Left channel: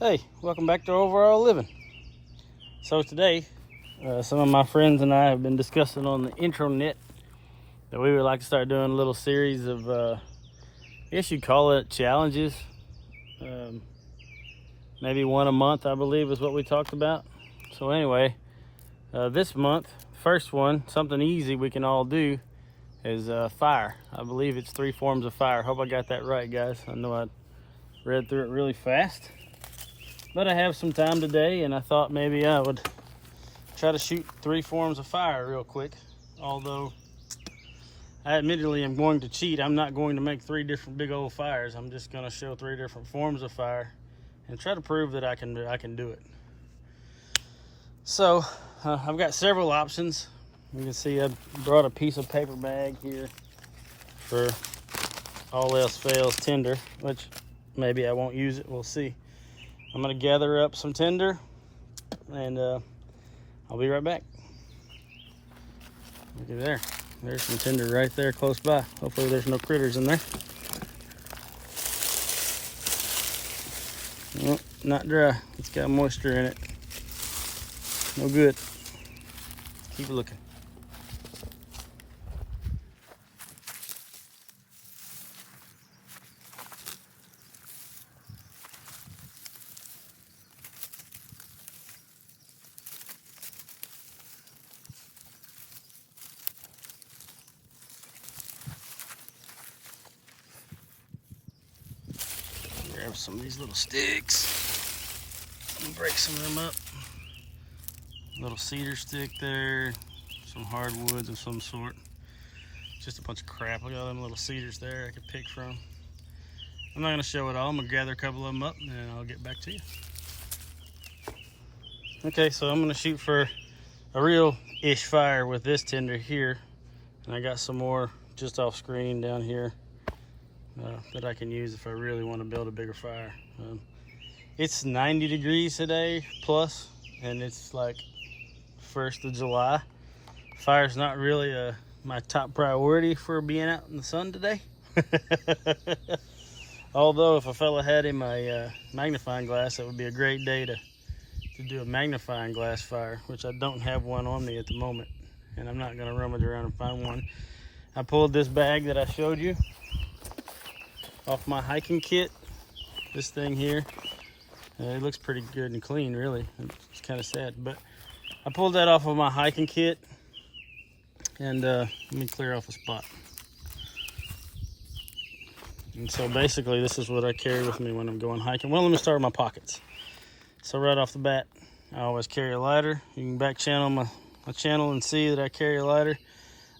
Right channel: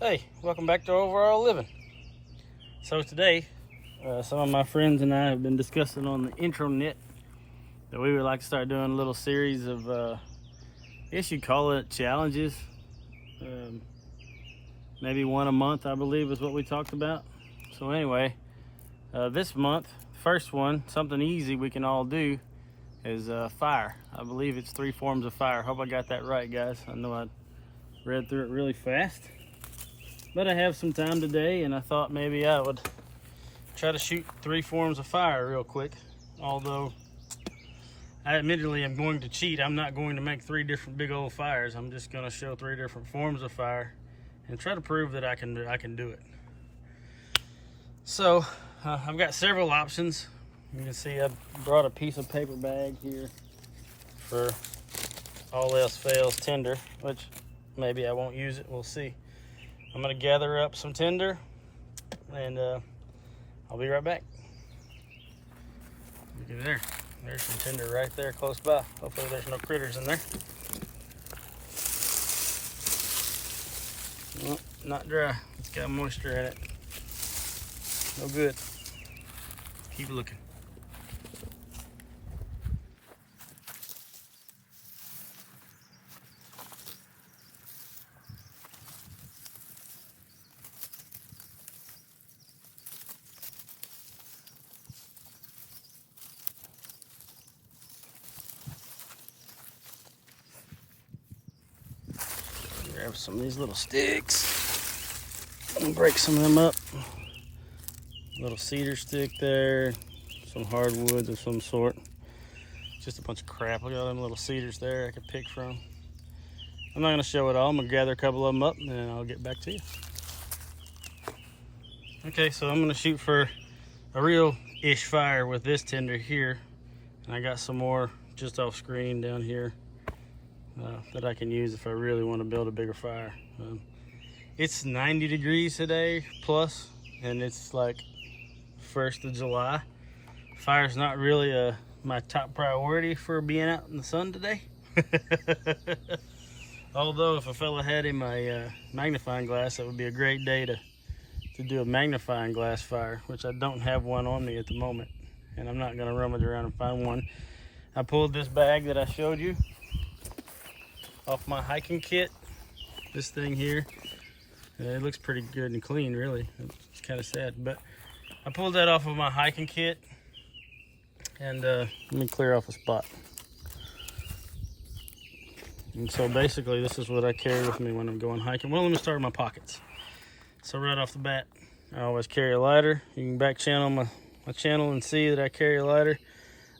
Hey, welcome back to Overall Living. So today, some of my friends and I have been discussing on the intranet that we would like to start doing a little series of, I guess you'd call it challenges. Maybe one a month, I believe, is what we talked about. So anyway, this month, first one, something easy we can all do is fire. I believe it's 3 forms of fire. Hope I got that right, guys. I know I read through it really fast. But I have some time today, and I thought maybe I would try to shoot 3 forms of fire real quick. Although, I admittedly am going to cheat. I'm not going to make 3 different big old fires. I'm just going to show 3 different forms of fire and try to prove that I can do it. So, I've got several options. You can see I brought a piece of paper bag here for all else fails tinder, which maybe I won't use it. We'll see. I'm going to gather up some tinder, and I'll be right back. Look at there. There's some tinder right there close by. Hopefully there's no critters in there. Nope, not dry. It's got moisture in it. No good. Keep looking. Grab some of these little sticks and break some of them up. Little cedar stick there, some hardwoods of some sort. Just a bunch of crap. Look at all them little cedars there I could pick from. I'm not going to show it all. I'm going to gather a couple of them up and then I'll get back to you. Okay, so I'm going to shoot for a real-ish fire with this tinder here. And I got some more just off screen down here that I can use if I really want to build a bigger fire. It's 90 degrees today plus, and it's like 1st of July. Fire's not really my top priority for being out in the sun today. Although if a fella had in my magnifying glass, that would be a great day to do a magnifying glass fire, which I don't have one on me at the moment, and I'm not going to rummage around and find one. I pulled this bag that I showed you off my hiking kit. This thing here, it looks pretty good and clean, really. It's kind of sad, but I pulled that off of my hiking kit, and let me clear off a spot. And so basically this is what I carry with me when I'm going hiking. Well, let me start with my pockets. So right off the bat, I always carry a lighter. You can back channel my channel and see that I carry a lighter.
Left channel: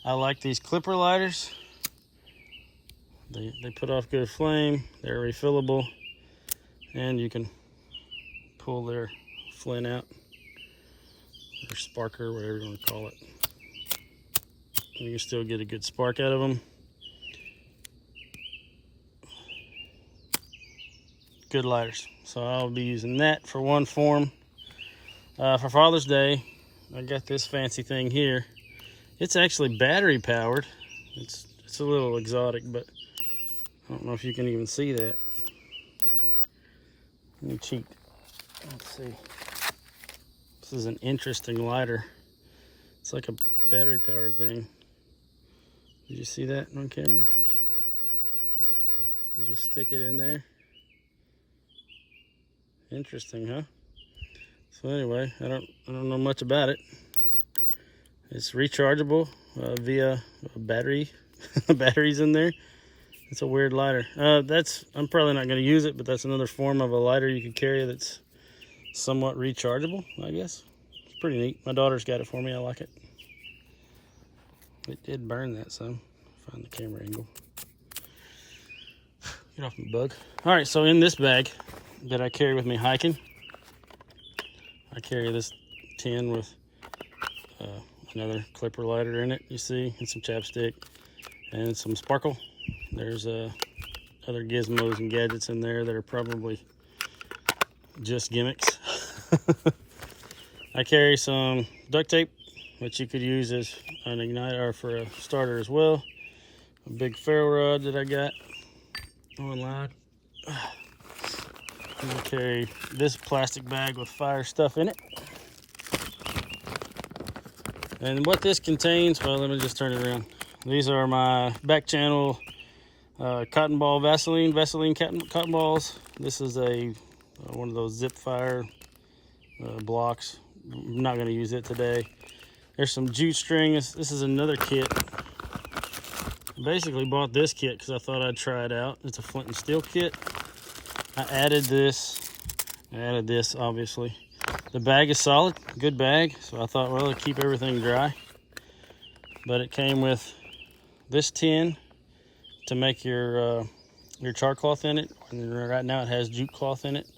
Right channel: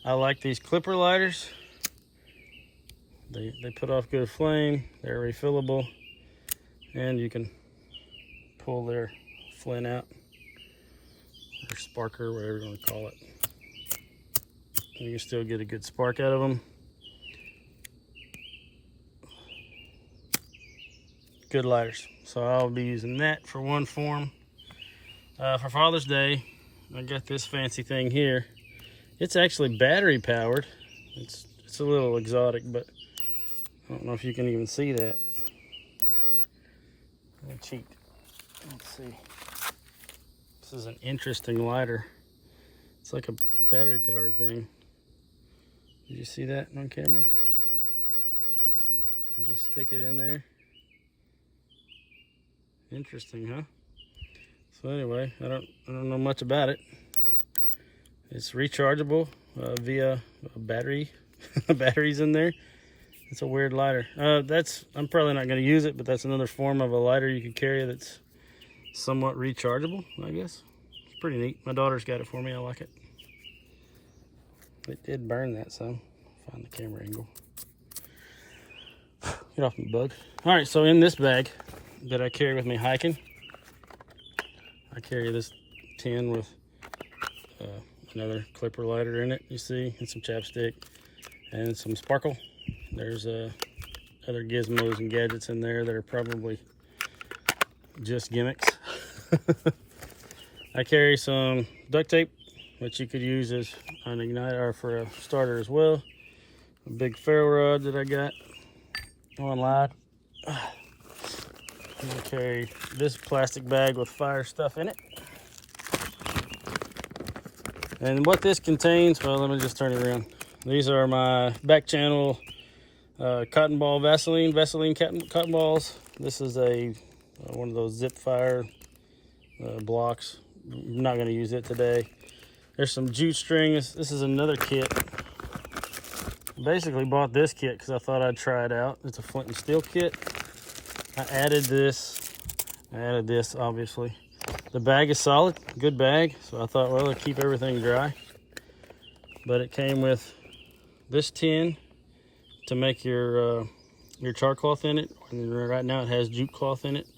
I like these clipper lighters. They put off good flame, they're refillable, and you can pull their flint out, or sparker, whatever you want to call it. You can still get a good spark out of them. Good lighters. So I'll be using that for one form. For Father's Day, I got this fancy thing here. It's actually battery powered. It's a little exotic, but I don't know if you can even see that. Let me cheat. Let's see. This is an interesting lighter. It's like a battery powered thing. Did you see that on camera? You just stick it in there. Interesting, huh? So anyway, I don't know much about it. It's rechargeable via a battery. Batteries in there. It's a weird lighter. I'm probably not going to use it, but that's another form of a lighter you can carry that's somewhat rechargeable, I guess. It's pretty neat. My daughter's got it for me. I like it. It did burn that some. Find the camera angle. Get off my bug. All right, so in this bag that I carry with me hiking, I carry this tin with another clipper lighter in it, you see, and some chapstick and some sparkle. There's other gizmos and gadgets in there that are probably just gimmicks. I carry some duct tape, which you could use as an igniter or for a starter as well. A big ferro rod that I got online. I'm gonna carry this plastic bag with fire stuff in it. And what this contains, well, let me just turn it around. These are my back channel cotton ball Vaseline cotton balls. This is a one of those zip fire blocks. I'm not gonna use it today. There's some jute string. This is another kit. Basically bought this kit because I thought I'd try it out. It's a flint and steel kit. I added this obviously. The bag is solid, good bag, so I thought, well, it'll keep everything dry. But it came with this tin to make your char cloth in it. And right now it has jute cloth in it,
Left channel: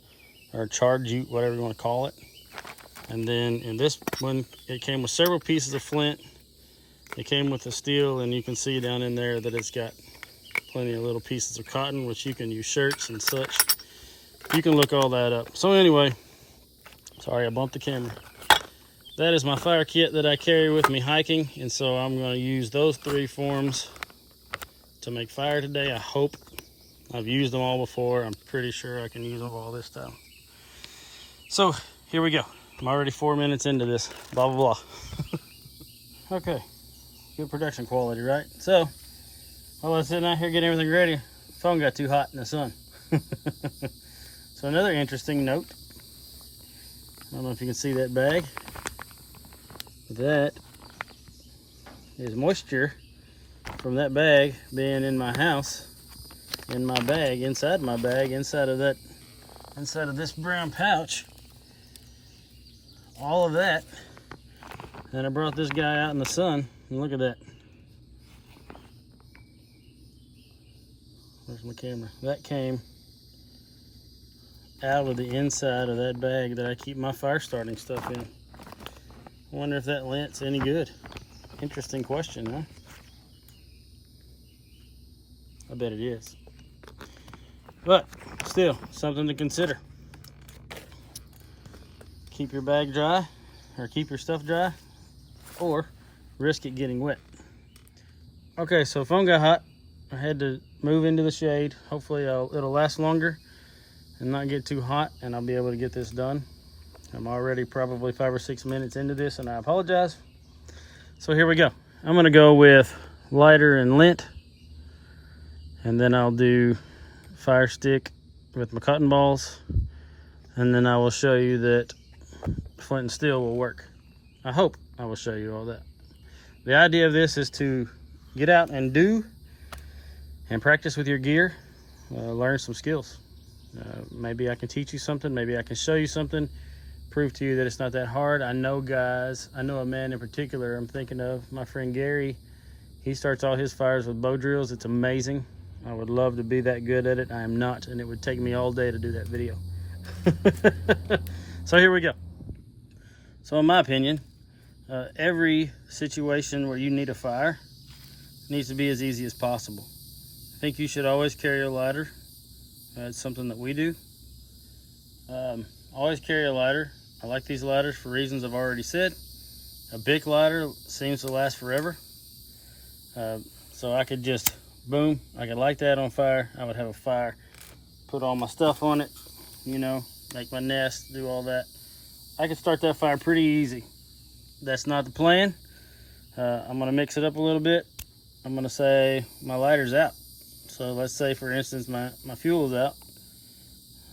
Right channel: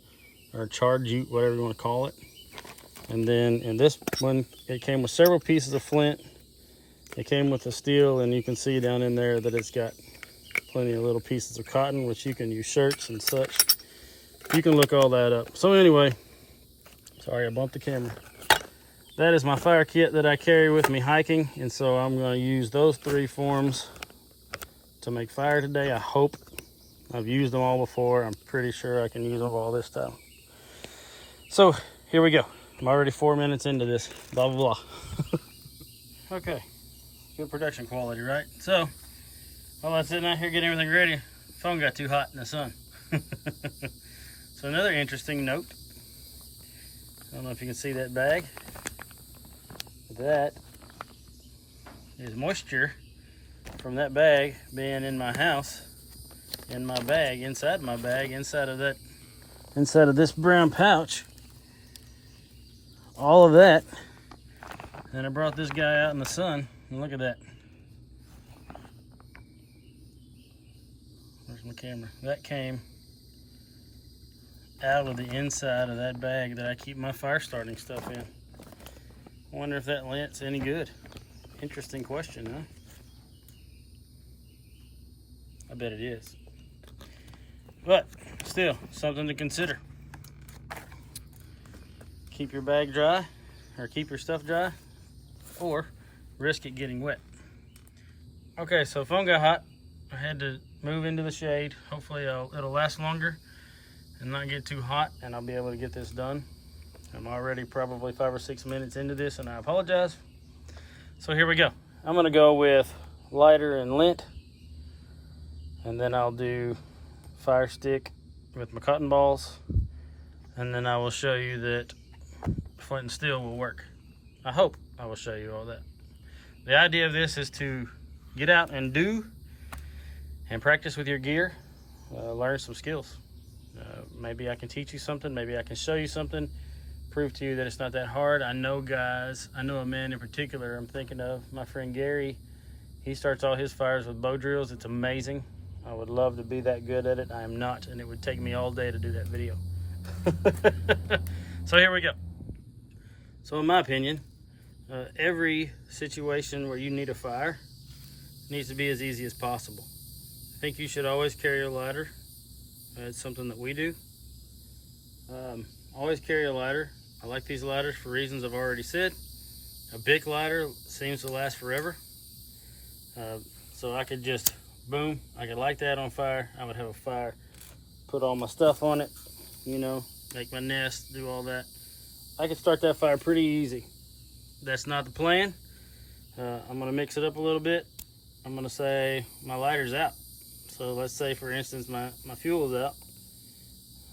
or charred jute, whatever you want to call it. And then in this one, it came with several pieces of flint. It came with the steel, and you can see down in there that it's got plenty of little pieces of cotton, which you can use shirts and such. You can look all that up. So anyway, sorry I bumped the camera. That is my fire kit that I carry with me hiking, and so I'm going to use those 3 forms to make fire today. I hope. I've used them all before. I'm pretty sure I can use them all this time. So here we go. I'm already 4 minutes into this. Blah, blah, blah. Okay. Good production quality, right? So, while I was sitting out here getting everything ready, the phone got too hot in the sun. So another interesting note. I don't know if you can see that bag. That is moisture from that bag being in my house, in my bag, inside of this brown pouch. All of that. And I brought this guy out in the sun, and look at that. Where's my camera? That came out of the inside of that bag that I keep my fire starting stuff in. I wonder if that lint's any good. Interesting question, huh? I bet it is. But still, something to consider. Keep your bag dry, or keep your stuff dry, or risk it getting wet. Okay, so phone got hot. I had to move into the shade. Hopefully it'll last longer and not get too hot, and I'll be able to get this done. I'm already probably 5 or 6 minutes into this, and I apologize. So here we go. I'm gonna go with lighter and lint, and then I'll do fire stick with my cotton balls, and then I will show you that flint and steel will work. I hope I will show you all that. The idea of this is to get out and do and practice with your gear, learn some skills. Maybe I can teach you something, maybe I can show you something, prove to you that it's not that hard. I know guys, I know a man in particular I'm thinking of, my friend Gary. He starts all his fires with bow drills. It's amazing. I would love to be that good at it. I am not, and it would take me all day to do that video. So here we go. So in my opinion, every situation where you need a fire needs to be as easy as possible. I think you should always carry a lighter. It's something that we do. Always carry a lighter. I like these lighters for reasons I've already said. A big lighter seems to last forever. So I could just, boom, I could light that on fire. I would have a fire, put all my stuff on it, you know, make my nest, do all that. I could start that fire pretty easy. That's not the plan. I'm gonna mix it up a little bit. I'm gonna say my lighter's out. So let's say, for instance, my fuel is out,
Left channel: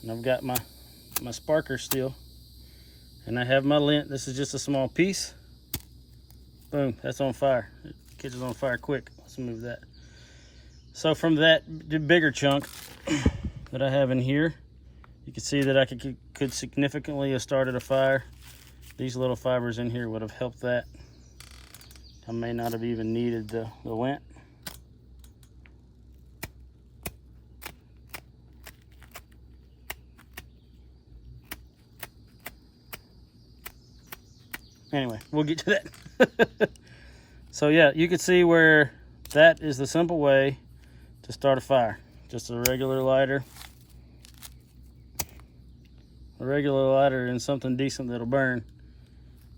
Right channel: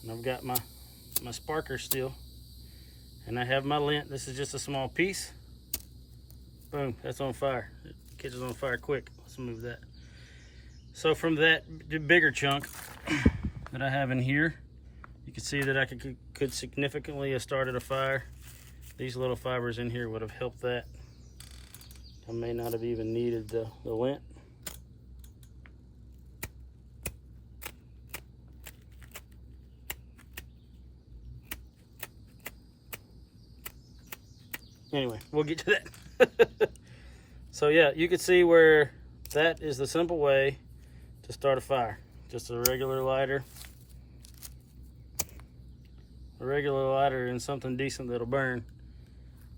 and I've got my sparker still, and I have my lint. This is just a small piece. Boom, that's on fire. It catches on fire quick. Let's move that. So from that bigger chunk that I have in here, you can see that I could significantly have started a fire. These little fibers in here would have helped that. I may not have even needed the lint. Anyway, we'll get to that. So yeah, you can see where that is the simple way to start a fire. Just a regular lighter. A regular lighter and something decent that'll burn.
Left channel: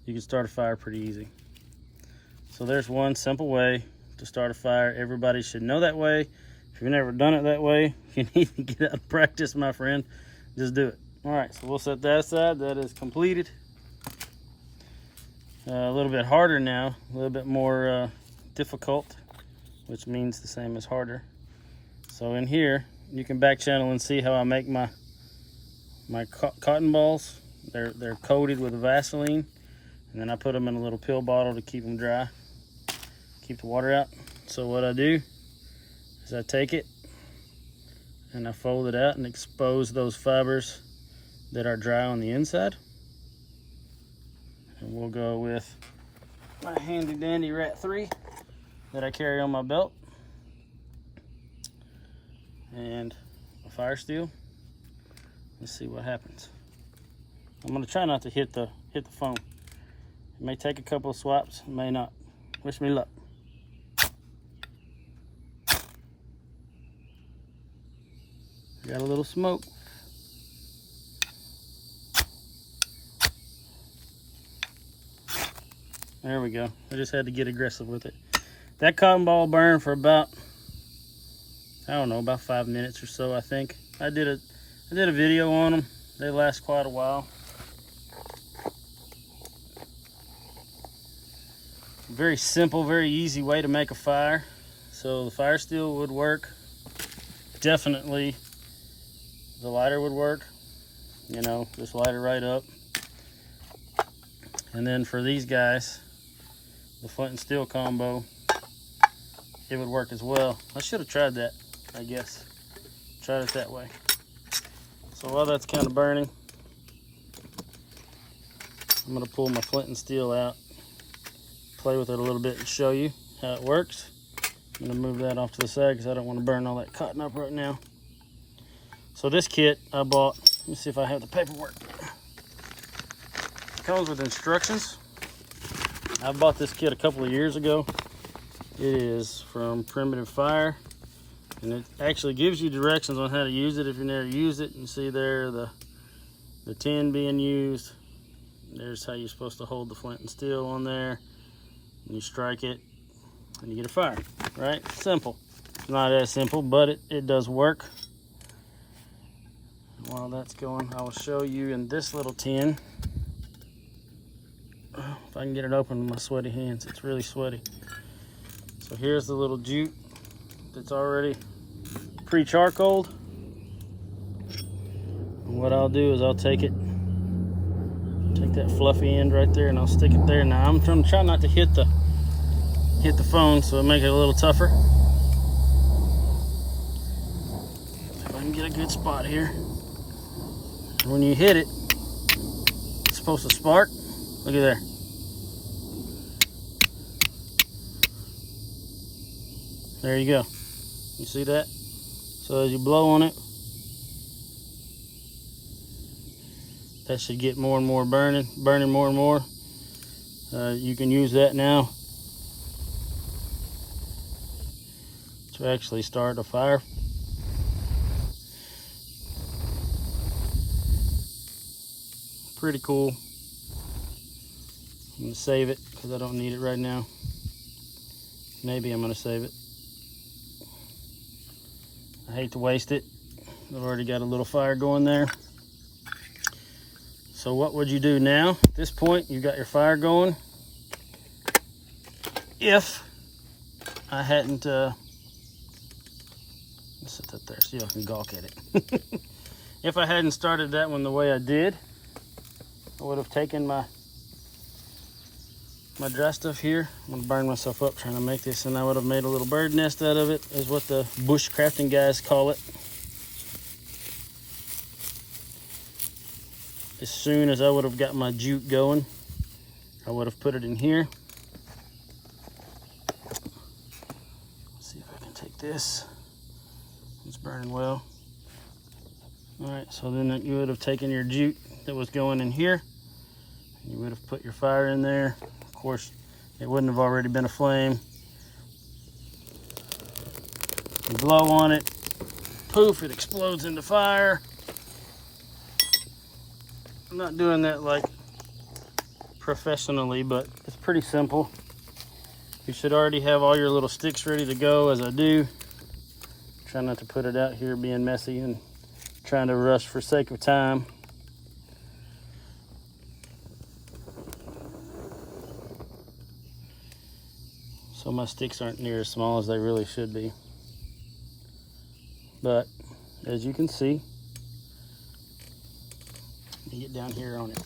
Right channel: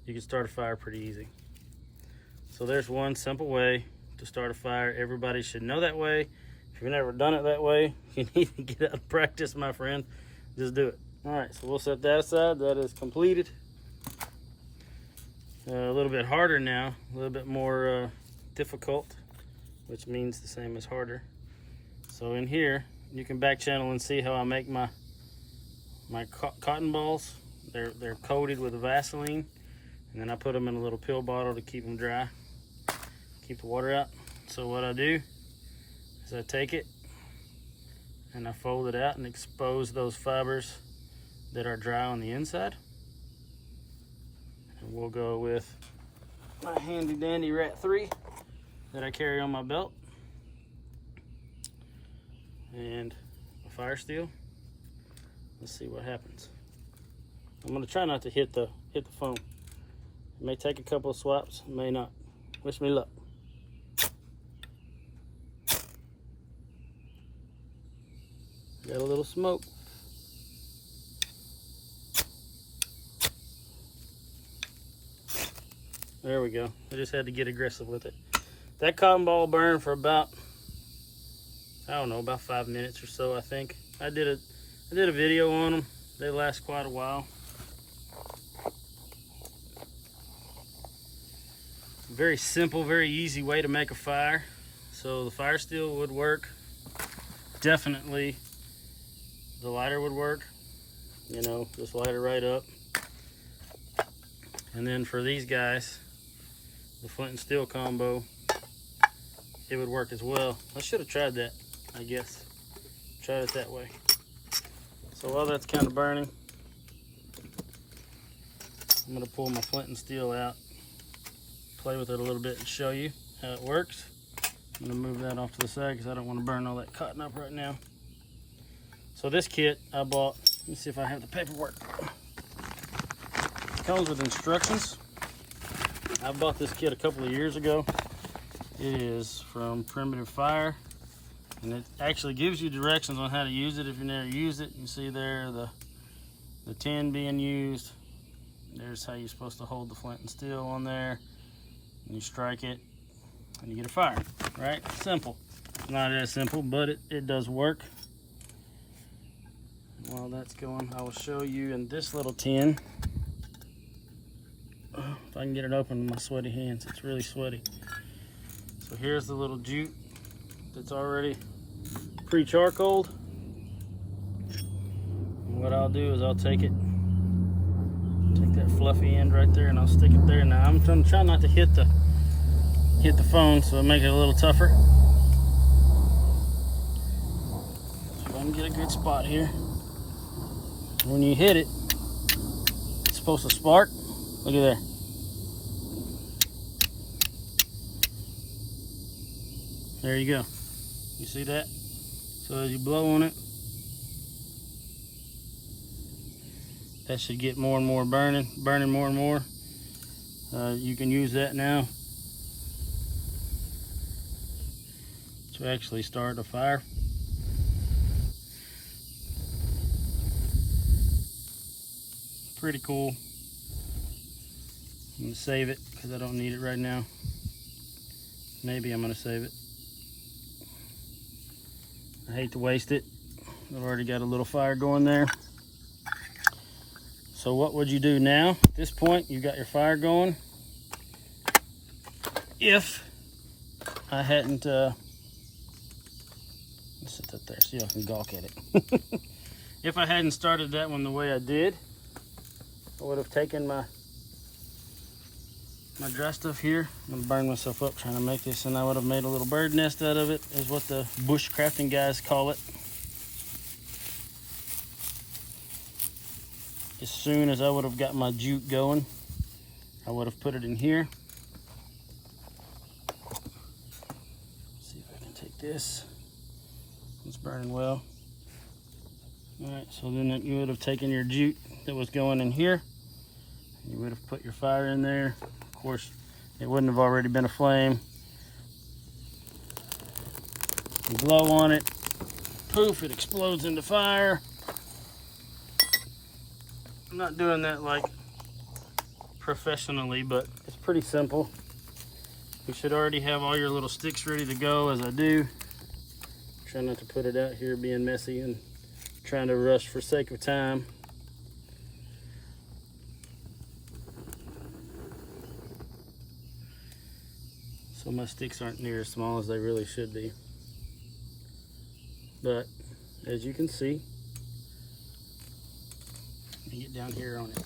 You can start a fire pretty easy. So there's one simple way to start a fire. Everybody should know that way. If you've never done it that way, you need to get out and practice, my friend. just do it. All right, so we'll set that aside. That is completed. A little bit harder now, a little bit more difficult, which means the same as harder. So in here, you can back channel and see how I make my cotton balls. They're coated with Vaseline, and then I put them in a little pill bottle to keep them dry, keep the water out. So what I do is I take it and I fold it out and expose those fibers that are dry on the inside. And we'll go with my handy dandy Rat 3 that I carry on my belt, and a fire steel. Let's see what happens. I'm gonna try not to hit the phone. It may take a couple of swipes, it may not. Wish me luck. Got a little smoke. There we go. I just had to get aggressive with it. That cotton ball burned for about, I don't know, about 5 minutes or so, I think. I did a video on them. They last quite a while. Very simple, very easy way to make a fire. So the fire steel would work. Definitely the lighter would work. You know, just light it right up. And then for these guys, the flint and steel combo, it would work as well. I should have tried that, I guess. Tried it that way. So while that's kind of burning, I'm gonna pull my flint and steel out, play with it a little bit and show you how it works. I'm gonna move that off to the side because I don't want to burn all that cotton up right now. So this kit I bought, let me see if I have the paperwork. It comes with instructions. I bought this kit a couple of years ago. It is from Primitive Fire, and it actually gives you directions on how to use it if you never used it. You see there the tin being used. There's how you're supposed to hold the flint and steel on there. And you strike it and you get a fire, right? Simple. It's not as simple, but it does work. While that's going, I will show you in this little tin. If I can get it open with my sweaty hands, it's really sweaty. So here's the little jute that's already pre-charcoaled. And what I'll do is I'll take that fluffy end right there and I'll stick it there. Now I'm trying to try not to hit the phone, so it'll make it a little tougher. So if I can get a good spot here. When you hit it, it's supposed to spark. Look at there. There you go. You see that? So as you blow on it, that should get more and more burning more and more. You can use that now to actually start a fire. Pretty cool. I'm gonna save it because I don't need it right now. Maybe I'm gonna save it. I hate to waste it. I've already got a little fire going there. So what would you do now? At this point, you got your fire going. If I hadn't, let's set that there so y'all can gawk at it. If I hadn't started that one the way I did, I would have taken my dry stuff here. I'm gonna burn myself up trying to make this, and I would have made a little bird nest out of it, is what the bushcrafting guys call it. As soon as I would have got my jute going, I would have put it in here. Let's see if I can take this. It's burning well. All right, so then you would have taken your jute that was going in here. You would have put your fire in there. Of course, it wouldn't have already been a flame. You blow on it, poof, it explodes into fire. I'm not doing that like professionally, but it's pretty simple. You should already have all your little sticks ready to go, as I do. Try not to put it out here being messy and trying to rush for sake of time. So my sticks aren't near as small as they really should be. But as you can see, let me get down here on it.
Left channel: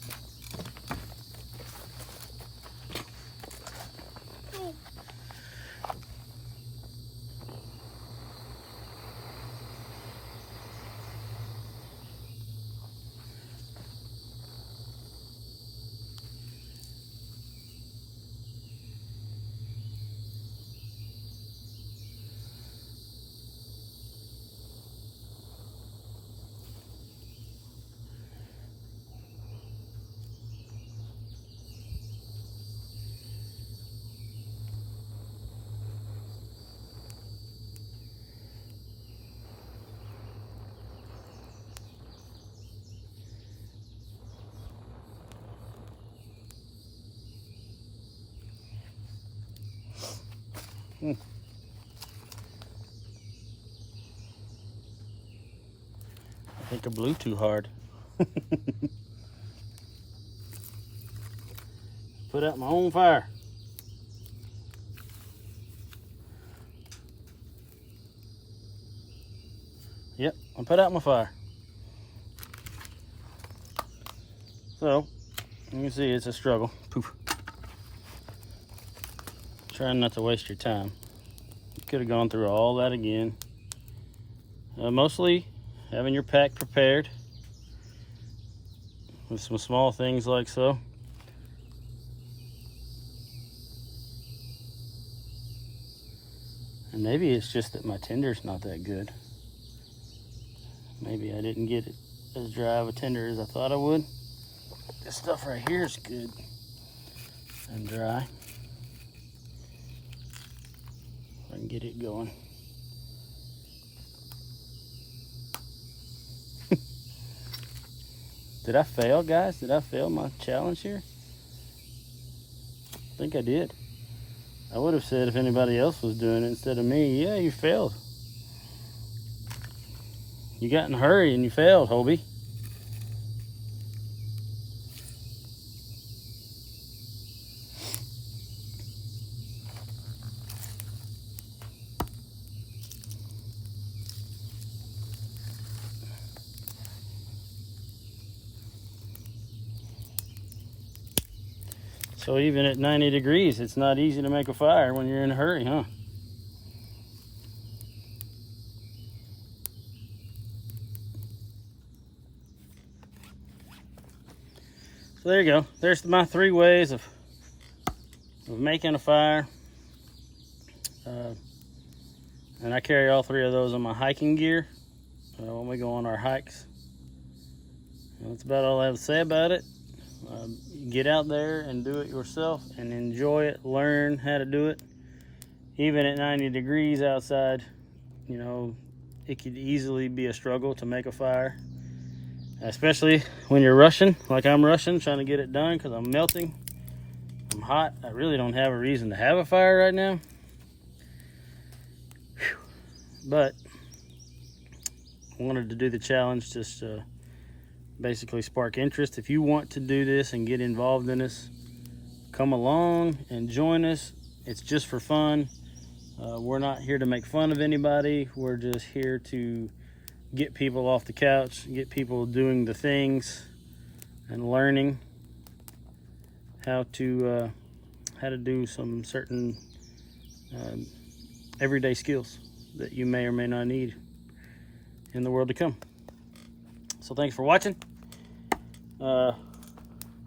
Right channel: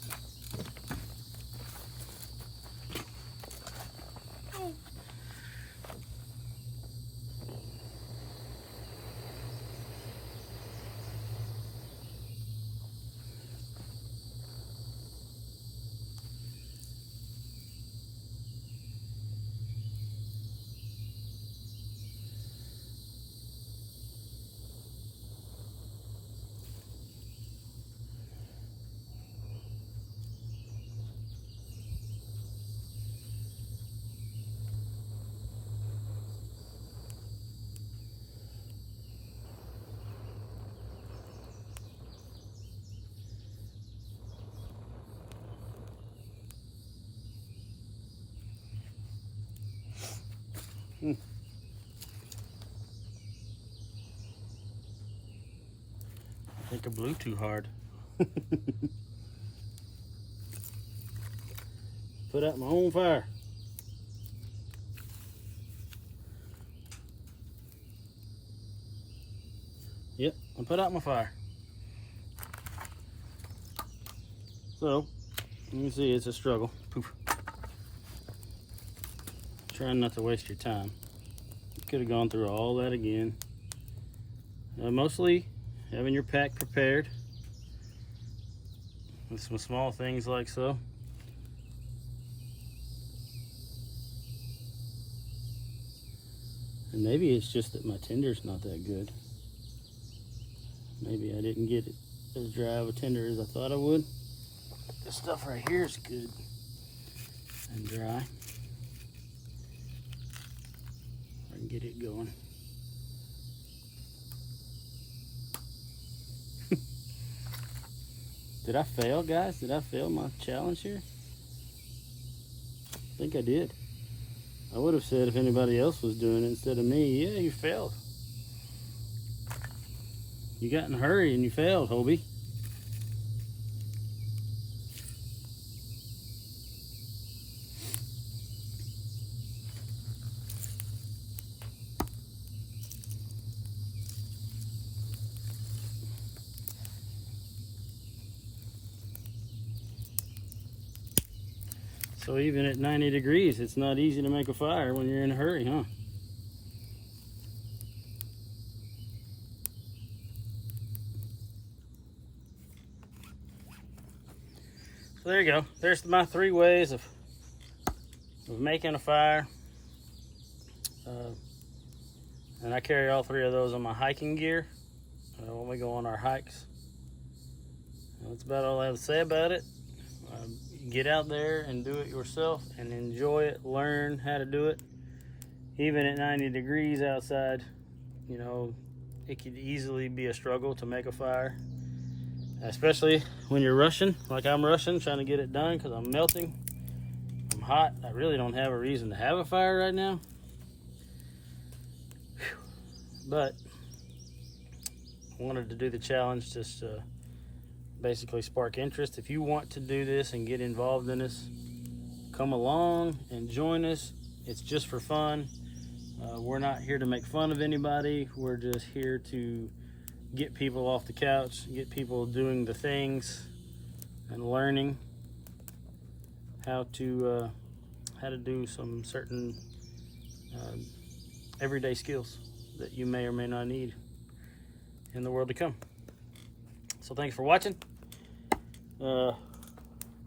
I think I blew too hard. Put out my own fire. Yep, I put out my fire. So, you can see it's a struggle. Poof. Trying not to waste your time. You could have gone through all that again. Mostly having your pack prepared with some small things like so. And maybe it's just that my tinder's not that good. Maybe I didn't get it as dry of a tinder as I thought I would. This stuff right here is good and dry. I can get it going. Did I fail, guys? Did I fail my challenge here? I think I did. I would have said if anybody else was doing it instead of me, yeah, you failed. You got in a hurry and you failed, Hobie. So even at 90 degrees, it's not easy to make a fire when you're in a hurry, huh? So there you go. There's my 3 ways of making a fire. And I carry all 3 of those in my hiking gear when we go on our hikes. And that's about all I have to say about it. Get out there and do it yourself and enjoy it. Learn how to do it. Even at 90 degrees outside, you know, it could easily be a struggle to make a fire. Especially when you're rushing, like I'm rushing, trying to get it done because I'm melting. I'm hot. I really don't have a reason to have a fire right now. Whew. But I wanted to do the challenge just to basically spark interest. If you want to do this and get involved in this, come along and join us. It's just for fun. We're not here to make fun of anybody. We're just here to get people off the couch, get people doing the things and learning how to do some certain everyday skills that you may or may not need in the world to come. So thanks for watching.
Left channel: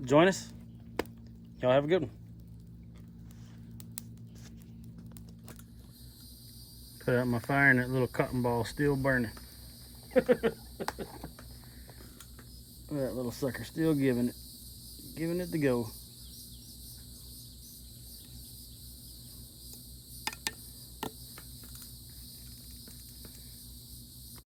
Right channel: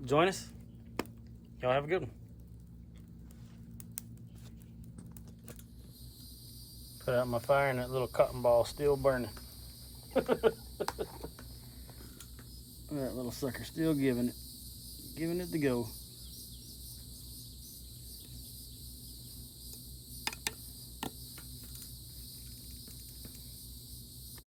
Join us. Y'all have a good one. Put out my fire and that little cotton ball still burning. That little sucker still giving it the go.